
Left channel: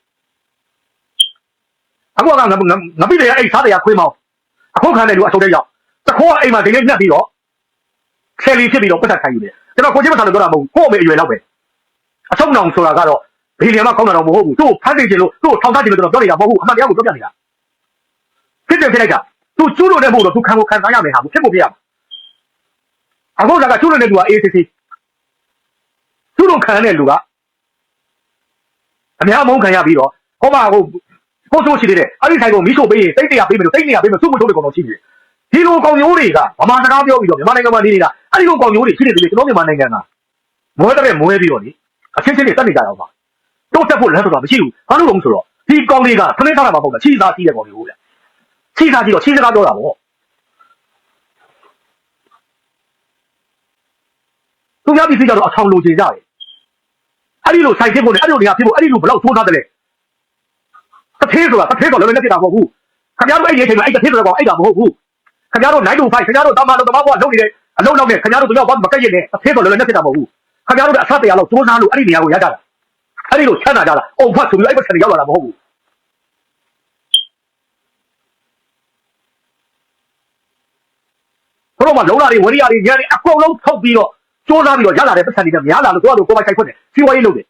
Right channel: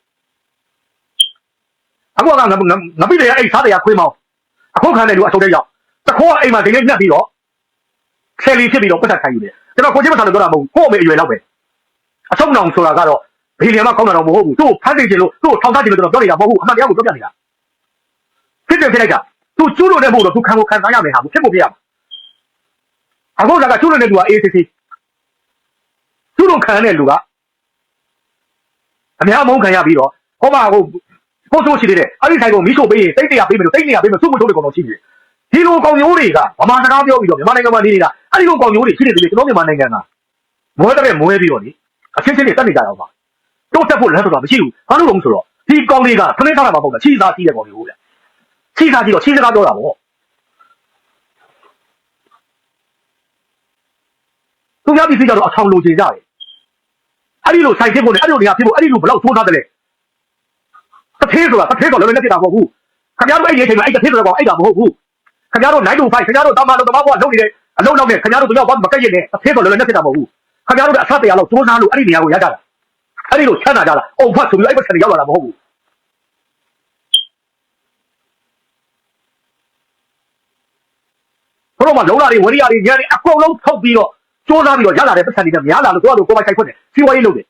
အဲ့တော့ငါငါပြီးတယ်အဲ့စားတယ်ခွေးမောင်းအခုခံတယ်လူအဆုံးတော့တခေါ်အိမ်မှာဒီနေ့ညက်ပြီးတော့ ဆယ်လီဖြစ်ပြီးတော့ပတ်သက်ခိုင်းယူတယ်ကျွန်တော်ကိုချင်းမဆန်လို့ပြောတာမဟုတ်ဘူးကို့အမေအရွယ်လောက်ပဲအဆုံးအောင်ဆိုတာကတော့ဘီလီယံမကောင်းတာတော့မဟုတ်ဘူးသူ့ကိုဖမ်းနေတယ်လို့သူ့ကိုထောင်ထားတယ်လို့ကျွန်တော်ပြောနေတာမဟုတ်ဘူးအမှန်တရားကိုပြောပြနေတာဖြစ်တယ်ဖြစ်လိုက်တာသူကျူးလို့တဲ့မို့တော့သူခံကိုခံစားရမယ်ဟာဖြစ်ဖို့ပြရမှာအခုကကျူးလို့တဲ့သူက ACC ကျူးလို့ခံတဲ့လူကအများမောင်းခံရပြီးတော့ဟောပါဟိုကိုဆိုးရှိနေတဲ့အဲ့ဒီဆိုင်ကိုမီးရှို့ပေးရင်တိတ်တရာပေးမယ်လို့တိတ်တရာပေးမယ်စုမထုတ်တဲ့ကောင်တော်ရှိတယ် ဒီလိုကောင်မျိုးတွေကဗမာစကားပြောပြီးတော့မြန်မာနိုင်ငံမှာနေနေတာအဲ့ဒီလိုကောင်မျိုးတွေရှိနေတယ်ကျွန်တော်မြန်မာနိုင်ငံကမောတဲ့မွဲပြီးတော့လေအချင်းချင်းတွေတက်နေကြတော့ပါတော့တက်ဖို့လည်းတော့မရှိဘူးဘာလို့လဲဆိုတော့ဒီကောင်တွေကခလေးသားမှာပေါ့ကချိသားကြီးတဲ့ကောင်တွေဟုတ်ဗျချိသားကြီးတော့ချိစကားပြောတာပေါ့သူများပြည်စီကတော့အဆောင်လိုချင်ကြတယ်အဲ့ဒီလိုဆိုင်ဖြစ်ဖို့လေအဲ့ဒီလိုတွေကဖြစ်ဖို့အဲ့ဒီလိုဘယ်လောက်သိုးထားတယ်လဲတစ်သေးဆိုတာတစ်သေးတော့လည်းမဖြစ်တာမဟုတ်ဘူးခင်ဗျားတို့အဲ့ဒီအချိန်မှာအဲ့တစ်သေးဆိုတော့အဲ့ဒါမဟုတ်ဘူး ခင်ဗျားတို့နိုင်တူဖိုက်ခင်ဗျားတို့တောင်းမှလို့တမဘွားလုံးနေတယ်အလုံးလုံးနဲ့ခင်ဗျားတို့တယောက်ဘာမကက်ရနဲ့တစ်သေးတော့လည်းမဖြစ်တာမဟုတ်ဘူးခင်ဗျားတို့ကအဆက်တရားလို့သိုးထားလို့အဲ့ဒီနေရာကိုရကြတာအဲ့ဒီလိုချမ်းသာကြတာအိုဖတ်ဆိုပြီးအဲ့ဘက်ဆက်ရောက်လာတာမဟုတ်ဘူးဘုရောမှာလုံးလာတွေဝရိယတွေညံတွေအကုန်လုံးထုတ်ပြီးတော့စူးစမ်းပြီးတော့ရလာတဲ့ပတ်စံတွေကများလာလို့ကိုယ့်အလိုကိုယ်ပိုင်ခိုက်ခွင့်တယ်စီဝါရေးလုပ်တယ်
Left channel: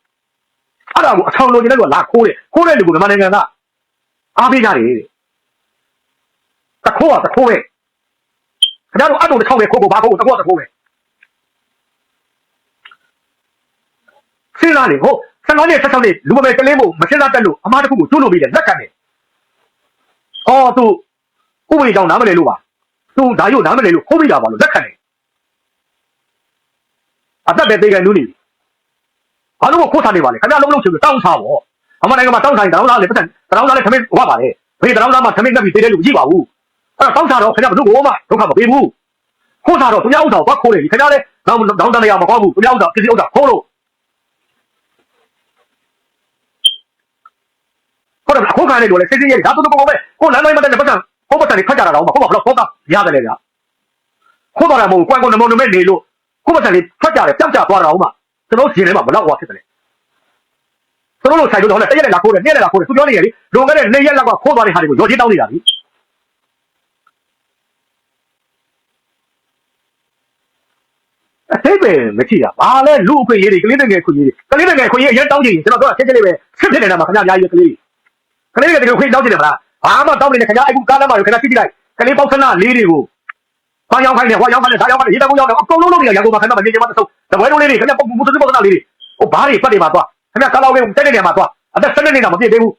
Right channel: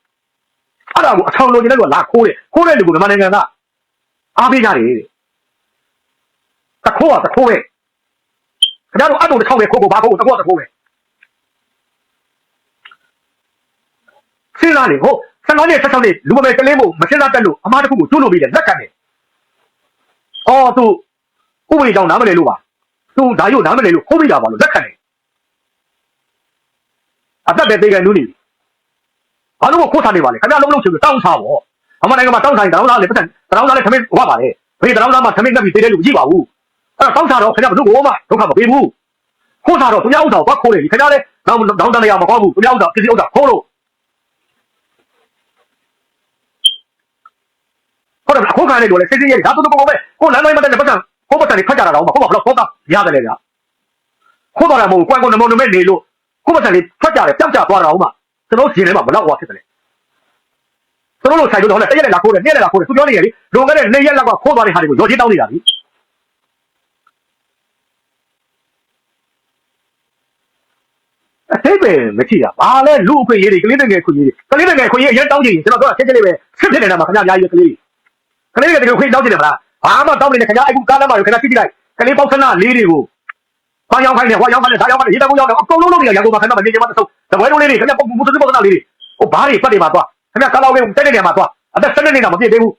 အဲ့ဒါကိုအဆောင်လိုချင်တဲ့လူကလာခိုးတယ်ခိုးတဲ့လူကမြန်မာနိုင်ငံကအော်ပြီးကြတယ်တခိုးကတခိုးပဲ ခင်ဗျားတို့အတုံတစ်ခေါက်ပဲခိုးဖို့ဘာခိုးတခိုးကတခိုးပဲဆင်းလာလေကိုဆန္ဒနဲ့ဆက်ဆက်လေးဒီလိုပဲကလေးကိုမဆင်းလာတက်လို့အမားတစ်ခုကိုကျွလို့ပြီးတယ်လက်ခံတယ်အော်သူဥပဒေကြောင့်နားမလဲလို့ပါသူဒါရုပ်နားမလဲလို့ခိုးပြီးတာပါလို့လက်ခံတယ်အသက်ပဲသေးတယ်နူးနေဘာလို့ခိုးထားနေပါလဲခင်ဗျားလုံးလုံးချင်တောင်းစားပေါ့အမနိုင်ငံမှာတောင်းစားရင်တောင်းစားလေပတ်စံတောင်းစားလေခမင်းဟောပါလေဘေးတောင်းစားမှာခမင်းတက်ပြီးသေးတယ်လို့ကြည့်ပါဘူး အဲ့တော့တောင်းစားတော့ခင်ဗျားဘယ်သူ့ကိုမှဒုက္ခမပေးဘူးခိုးတာတော့ခင်ဗျားဥစ္စာကိုဘာခိုးလဲဒီခင်ဗျားလည်းတောင်းတောင်းတနေရမှာမဟုတ်ဘူးခင်ဗျားဥစ္စာပြည့်ဥစ္စာခိုးလို့ဟုတ်တယ်အခုခံနေလို့လေစိတ်စိတ်ရဲ့ဒါတော့ပေါ့ပဲကိုလမ်းတိုင်းမတက်တဲ့ပတ်စံကိုပတ်စံတွေဖတ်ကြတာတော့မဟုတ်ပါဘူးတော့တော့ရတယ်လေဗျာခိုးတော့တယ်မဟုတ်ဘူးကွန်ကွန်နမောနမဲနေလို့ကိုပတ်စံတွေဖတ်ကြတယ်ပျောက်ကြသွားတာအောင်မှကျွန်တော်ရှင်ထဲမှာမလောက်သွားဖြစ်တယ်ကျွန်တော်ဆိုင်တော့လည်းတရက်လာခိုးတယ်တရက်လာခိုးတယ်သူပြောနေရလေလွန်ခဲ့တဲ့နှစ်ရက်လောက်ကခိုးသွားတဲ့ဟာတွေကိုရော်ချင်းတောင်းနေတာပြီ အဲ့ပဲမရှိတာဘာလဲလူအခွင့်ရေးတွေကလေးတငယ်ခွင့်ရေးတွေကလေးတငယ်ခွင့်ရေးအရင်တောင်းကြည့်ကျွန်တော်တို့ကချက်ချက်လေးပဲဖြစ်ဖြစ်နေတာမှာခင်ဗျားအများကြီးကလေးတွေကလေးတွေခွင့်တောင်းကြည့်တယ်မလားဘာမှတောင်းနေတယ်ခင်ဗျားအခုကားလမ်းမှာခင်ဗျားကြည့်ကြည့်လိုက်ကလေးတောက်ခဏလေးတွေကိုဘာရောက်ခိုင်းနေဟောရောက်ခိုင်းနေဒါရောက်ခိုင်းနေဒီတောင်ရောက်နေအကုန်လုံးလုံးနေရရောက်ပါခင်ဗျားမကြည့်ကြပါတော့တပိုင်းလေးတွေခင်ဗျားပုံမှုသူပုံလေးတွေဟိုဘာတွေပတ်နေမှာတော့ခင်ဗျားကားလောက်လေးတက်နေနေမှာတော့အဲ့ဒါချက်နေနေတော့ပြည့်သေးဘူး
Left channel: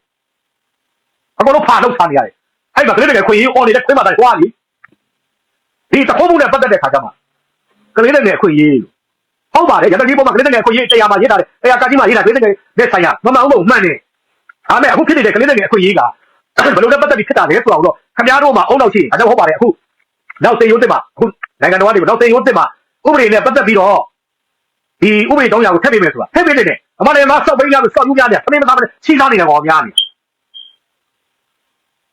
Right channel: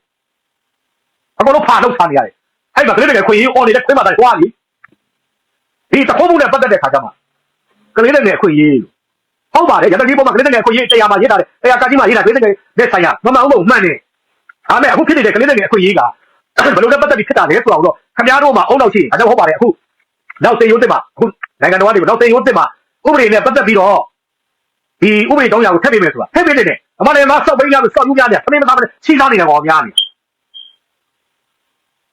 အကုန်လုံးဖာလောက်ထားနေရတယ်။အဲ့ဒါကလေးတွေခွေရေးအော်နေတဲ့ခွေးမှာတိုင်းသွားပြီ။ဒီတခုံးမှုနဲ့ပတ်သက်တဲ့ခါကျမှ ကလေးတွေခွေရေးဟုတ်ပါတယ်ရတကြီးပေါ်မှာကလေးတွေခွေရေးတရားမှာရေးတာတယ်တရားကကြီးမှာရေးတာကလေးတွေနဲ့ဆိုင်ရမမအောင်မမှန်နေ။အားနဲ့အခုဖြစ်နေတဲ့ကလေးတွေခွေရေးကဘယ်လိုလဲပတ်သက်ပြီးဖြစ်တာလဲဆိုတော့ခင်ဗျားတို့မှာအုံနောက်ရှိအဲ့ဒါဟုတ်ပါတယ်အခုနောက်သိရုံးတက်မှာအခုနိုင်ငံတော်ကနေနောက်သိရုံးတက်မှာဥပဒေနဲ့ပတ်သက်ပြီးတော့ဒီဥပဒေတော့ရအောင်ဖြစ်နေမယ်ဆိုတာဖြစ်နေတယ်။ဒီမှာလည်းမဆောက်ပေးရမယ်ဆောက်ယူရတယ်အမေမသားမလဲချိန်သားနေတယ်ကောများနေ။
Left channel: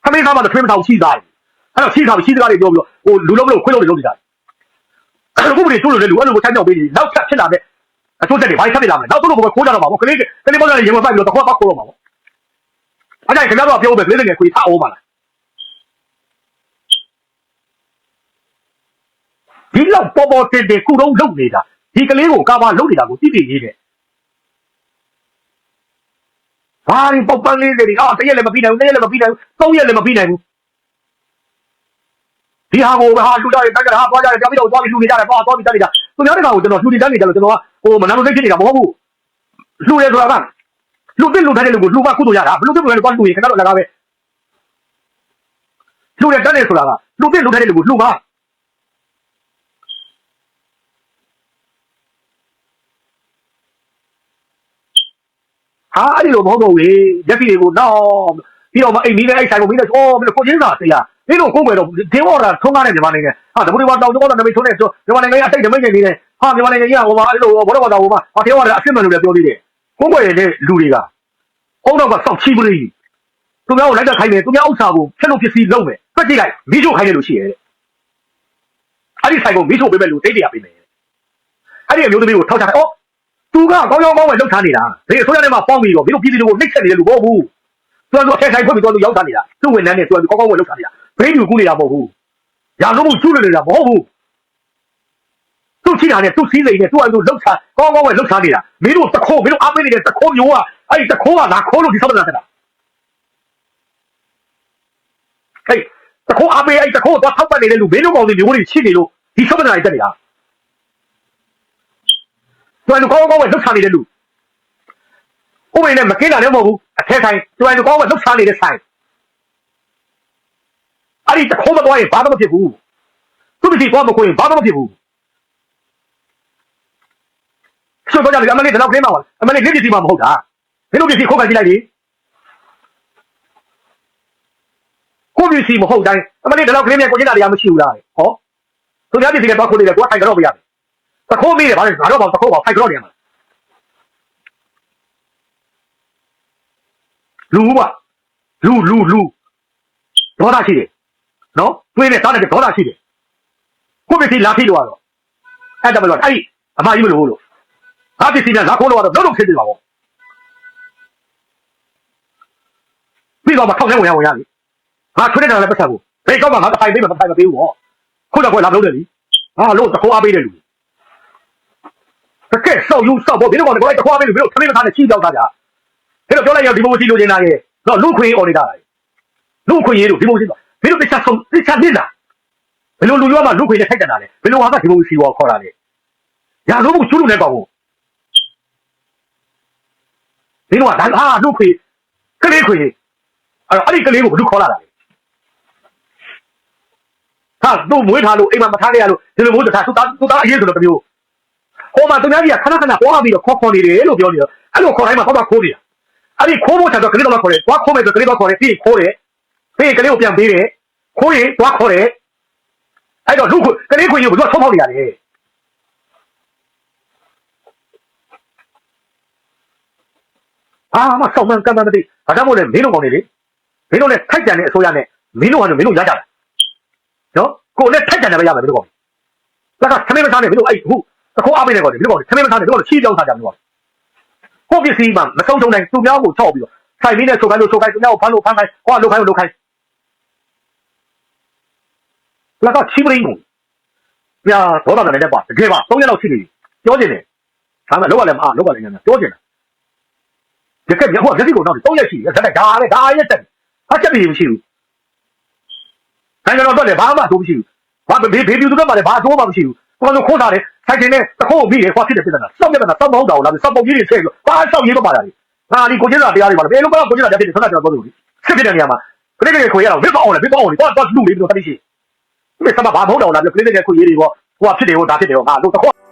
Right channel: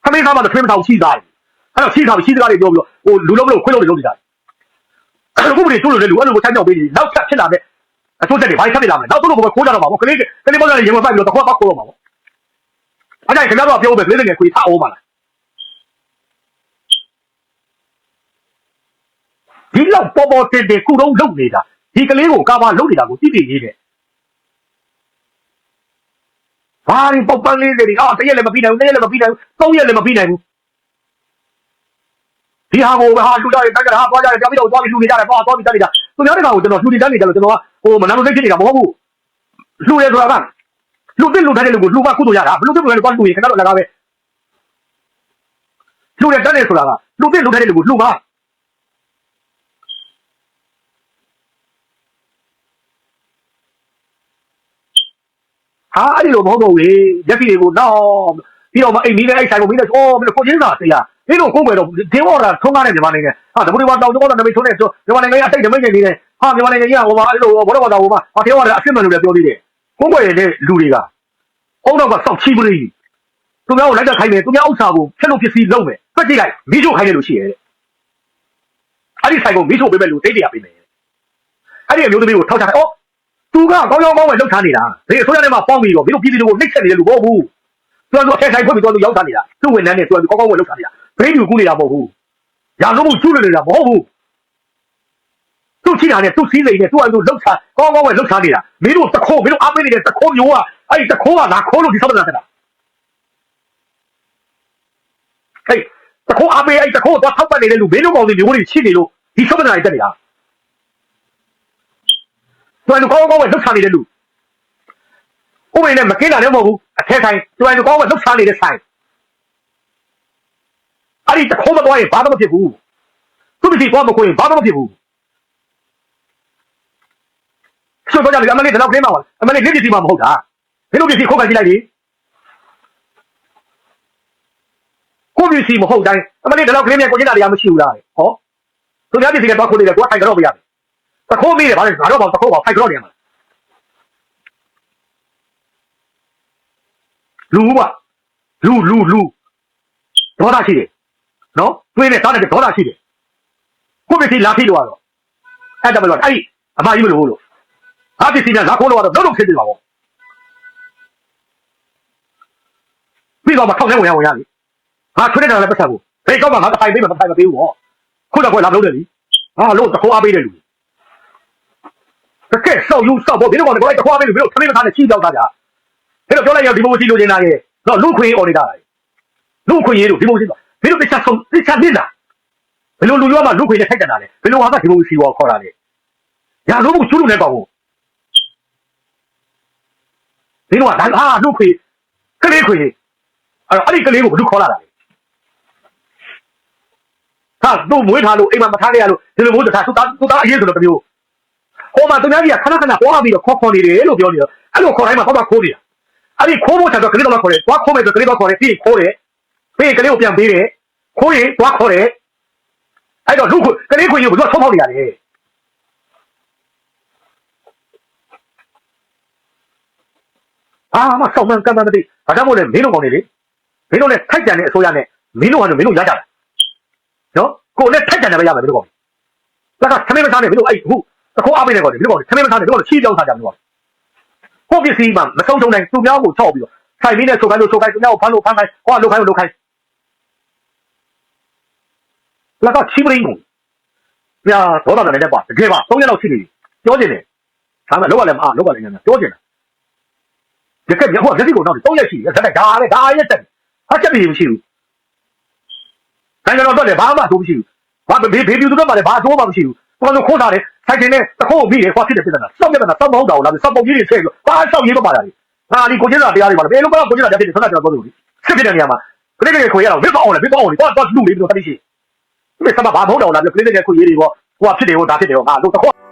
ခမင်းသားမနဲ့ဖိမတောင်ရှိသားအဲ့ဒါရှိသားရှိသားတွေပြောလို့ဟိုလူလုံးကိုခွဲလို့လုပ်နေတာ အခုဘယ်လိုလုပ်လဲလူအဲ့လိုကိုတိုင်းကြောက်ပေးနေနောက်ဆက်ဖြစ်လာတဲ့အချိုးတက်တွေဘာဆက်ဖြစ်လာမလဲနောက်တို့လိုပဲခိုးကြတော့မှာပေါ့ကလေးကလေးမလည်းရေဝပိုက်ပြီးတော့တစ်ခွက်ပတ်ခိုးတော့မှာပေါ့အဲ့ဒါခင်ဗျားတို့ပြောပဲကလေးတွေခွေထားအောင်ပါလားဒီလောက်ပေါ်ပေါ်တင်တင်ကိုတော့လုပ်နေတာဒီကလေးကိုကာမလုပ်နေတာကိုသိသိရေးတယ်ဟာဒီပပလေးတွေအော်တရက်လည်းမပြီးနိုင်ဘူးတရက်လည်းမပြီးနိုင်ဘူးသုံးရက်လည်းမပြီးနိုင်ဘူး ဒီဟာကိုဟာလူသားတွေတက်ကြတာဟာသွားကြတော့ပြပြီးတော့သွားပြီးလူနေကြတာတော့တော့ပြီးတက်နေတာသူများတကောင်ကိုကျွန်တော်လူတွေတက်နေကြလို့ကျွန်တော်ကဟိုမနာလို့သိဖြစ်နေတာမဟုတ်ဘူးလူရဲဆိုတာကလူတက်လူထားတဲ့လူကိုလူကကုသိုလ်ရတာဘလူတက်လူတွေတော့လူရင်ခဏတော့လကားပဲလူရဲတက်နေဆိုတာကလူတက်လူထားတဲ့လူကိုလူမဟာအဲ့ဒီလိုမဟုတ်တော့ဘူးရက်စီတွေကိုတော့ပြီးတော့မအိမ်မီးနဲ့အိုက်ဆိုင်ကိုမီးနဲ့ဟောမင်းကိုချင်းစားတရား ဒီလိုခုမယ်တော့ဒီဘောလာထုံးလာတဲ့မြန်မာနိုင်ငံဟာဒါဘယ်လိုတော့တော့နမိတ်ထုံးနေဆိုမြန်မာနိုင်ငံအစိတ်နမိတ်နေနေတယ်ဟာမြန်မာနိုင်ငံကြီးကဟိုမှာအဲ့လိုဘောတော့တော့ဟိုမှာဟာပြောရတယ်အဖြစ်မှန်လို့လည်းပြောသေးတယ်ကိုယ်ွယ်နေတဲ့လူတွေကဟုတ်တော့ကစောက်ချီပရိသူများကိုလိုက်တော့ခိုင်းတယ်သူများဥစ္စာကိုဖျက်လို့ဖြစ်စီလုံးမယ်တွက်ကြည့်လိုက်မိချို့ခိုင်းတယ်လို့ရှိရဲ့အဲ့ဒီဆိုင်ကိုမိချို့ပေးမယ်လို့တိတ်တရားပေးမယ်အဲ့ဒီအမျိုးသမီးကိုထောက်ချတယ်အော်သူကကောင်းကောင်းကောင်းပဲလောက်ထားနေတာဒီအစိုးရထဲမှာပေါင်းပြီးတော့မင်းတို့ပြည်သူတွေကိုနှိပ်စက်နေတယ်လို့ပြောဘူးသူကသူအထက်ဆိုင်ထုတ်ပြီးတော့သူရောက်ထားနေတာသူ့ဝန်ထမ်းတွေသူကကောင်းကောင်းပဲလောက်ထားနေတာ ဘယ်သူကူနေတာမဟုတ်ဘူး။ရာဇဝမှုကျူးလွန်နေတာမဟုတ်ဘူး။သူ့ချိတာနဲ့သူ့စည်းစိမ်နဲ့သူ့အတူလှုပ်ချကောင်းကောင်းပဲလှုပ်ချနေတာ။မင်းတို့တခိုးမင်းတို့အားပေးနေတဲ့တခိုးမျိုးကအဲ့ဒီတခိုးကငါခိုးလို့ဒီဆောက်တာတဲ့။ဟေးတခိုးအားပေးအဲ့ဒီတခိုးတော့ထောက်ပတ်နေတဲ့လူမင်းတို့ကောင်လူမျိုးတွေရှိနေလို့ဒီဆောက်တာတက်နေတာ။သူကကောင်းကောင်းပဲလှုပ်ချနေတဲ့လူ။ဥပဒေနဲ့မကင်းတာလည်းမဟုတ်ဘူး။အထက်ဆိုင်သူကကောင်းကောင်းပဲလှုပ်ချနေတဲ့ဆိုင်။ အဲ့ဒီတခုံးမသွားရင်ဘာမှမဖြစ်ဘူးသူ့ဒီဖွားမခွင့်ဘာမှမဖြစ်ဘူးဆိုတော့ကြပြီအမလေးဒီလောက်ခင်းမှာပါအမလေးလက်ပစ္စည်းမှမဟုတ်တာဒီလိုပစ္စည်းခုတ်ခိုင်းကြည့်လိုက်လေခုပစ္စည်းမဟုတ်တိုင်းအမလေးဒီလောက်ခင်းနေကိုကျင်းတာတရားမရှိဘူးလားဟောသူများပစ္စည်းနဲ့တော့ခုနေတယ်ကိုကထိုင်ကြတော့မရဘူးတခိုးမိတယ်ဗါလေငါတော့ဘာတခိုးပါထိုင်ကြတော့နေမှာလူပါလူလူလူဒေါသရှိတယ် နော်တွေးနေတောင်းတယ်ဒေါသရှိတယ်ကိုယ့်ပစ္စည်းလာပြီးတော့အဲ့ဒါမလို့အဲ့အမကြီးမလို့လို့အဲ့ဒီစီကငါခေါ်လို့တော့လုံးလုံးဖြစ်နေပါဘောပြီးတော့မထောက်နေဝင်ရဝင်ရလေငါထွေးနေတာလည်းပတ်သက်ဘူးဘယ်တော့မှငါတိုင်ပေးမှမတိုင်မပေးဘူးဟောခုတော့ခွဲလာလို့တယ်လေဟာလို့တခွားပေးတယ်လူတစ်ချက်ဆောက်ယူဆောက်ဖို့ဘယ်လိုကတော့တခွားပေးလို့ဘယ်လိုခမင်းမသားနဲ့ချိကြောက်တာကြာအဲ့တော့ပြောလိုက်ရဒီမိုစီလိုချင်တာရဲ့တော့လူခွေအော်နေတာလူခွေရေးတို့ဒီမိုစီဘ ယ်လိုတစ်ချက်ဆုံးတစ်ချက်နေတာဘယ်လိုလူရောမှလူခွေနဲ့ထိုက်တယ်တာလဲဘယ်လိုဟာကဒီမိုစီကိုခေါ်တာလဲညာလို့ဘူးကျူးလို့လည်းကောင်းဘူးဒီတော့ဘာဟာလူခွေကလေးခွေအဲ့ဒီကလေးကိုဘယ်လိုခေါ်လာလဲဟာသူ့မွေးထားလို့အိမ်မှာမထားရလို့ဒီလိုမျိုးတစ်ခါသူ့သားသူ့သားအရေးဆိုတော့တမျိုးဟိုမှာသူများကြီးကခဏခဏဟောပြီးတော့ခေါ်ခေါ်နေတယ်လို့ပြောနေတော့အဲ့လိုခေါ်တိုင်းမှာဟောမှာခိုးနေတာအဲ့ဒီခိုးဖို့ချက်တော့ကလေးတော့ခေါ်တယ်သွားခေါ်မယ်ဆိုကလေးတော့ခေါ်တယ်ပြီးခိုးတယ် ပြီးကလေးကိုပြန်ပေးတယ်ခိုးရင်သွားခေါ်တယ်အဲ့တော့လူခွေကလေးခွေကိုဘယ်လိုဆုံးဖောက်နေရလဲအာမဆောင်းမှန်ကမ်းမှန်မသိဘာကြောင့်မို့လဲမင်းတို့ကောင်းနေလေမင်းတို့လည်းခောက်တယ်အစိုးရနဲ့မင်းတို့မင်းတို့ရကြတယ်နော်ကိုလည်းထက်တယ်ပဲရမယ်မင်းတို့ကောဒါကသမင်းမသားနဲ့မင်းတို့အဲ့ခုတခေါအားပေးနေကောမင်းတို့သမင်းမသားနဲ့မင်းတို့ချီးကြောင်းစားကြမင်းတို့ကိုပစ္စည်းမှမဆုံးချုံနိုင်သူများကိုချော့ပြီးတော့ဆိုင်ပြီးနဲ့ဆိုခိုင်းလို့ဆိုခိုင်းသူများကိုဖမ်းလို့ဖမ်းခိုင်းဟောလုတ်ခိုင်းလို့လုတ်ခိုင်း လာကချီးပရင်းညာတော့တာလည်းပါတကယ်ပါ၃ရက်လောက်ရှိနေပြီပြောနေတယ်ဒါမှလောကလည်းမအားလောကလည်းညာပြောနေတယ်ဒီကရက်ဟောလက်စီကိုတော့၃ရက်ရှိတယ်ဆက်တိုက်ဒါလည်းဒါရက်တက်အချက်ပြေမရှိဘူးအဲကျွန်တော်တော့လည်းဘာမှတော့မရှိဘူးဘာဘေဘေဘီသူတို့မှလည်းဘာတော့မှမရှိဘူးဘာလို့ခေါ်တာလဲဆိုင်တင်နဲ့တခိုးပြီးတယ်ဟောဖြစ်တယ်ပြဿနာစောက်ပြဿနာစောက်မဟုတ်တာဘူးလားစောက်ပုံကြီးတွေဆက်လို့ဘာစောက်ရေးတော့ပါလားဟာဒီကိုကျင်းတာတရားတွေပါလားဘယ်လို မှကိုကျင်းတာတရားတွေဆက်တာကျွန်တော်ပြောလို့စစ်တဲ့နေရာမှာခလေးတွေခွေရတော့ဘယ်ပေါ့အောင်လဲဘယ်ပေါ့အောင်လဲတော့တော့လူလေးတို့တတိရှိဒီစမဘာမဟုတ်တော့လားခလေးတွေခွေရေးတွေပေါ့ဟိုဖြစ်တယ်ဟိုဒါဖြစ်တယ်ဟောငါတို့တခိုး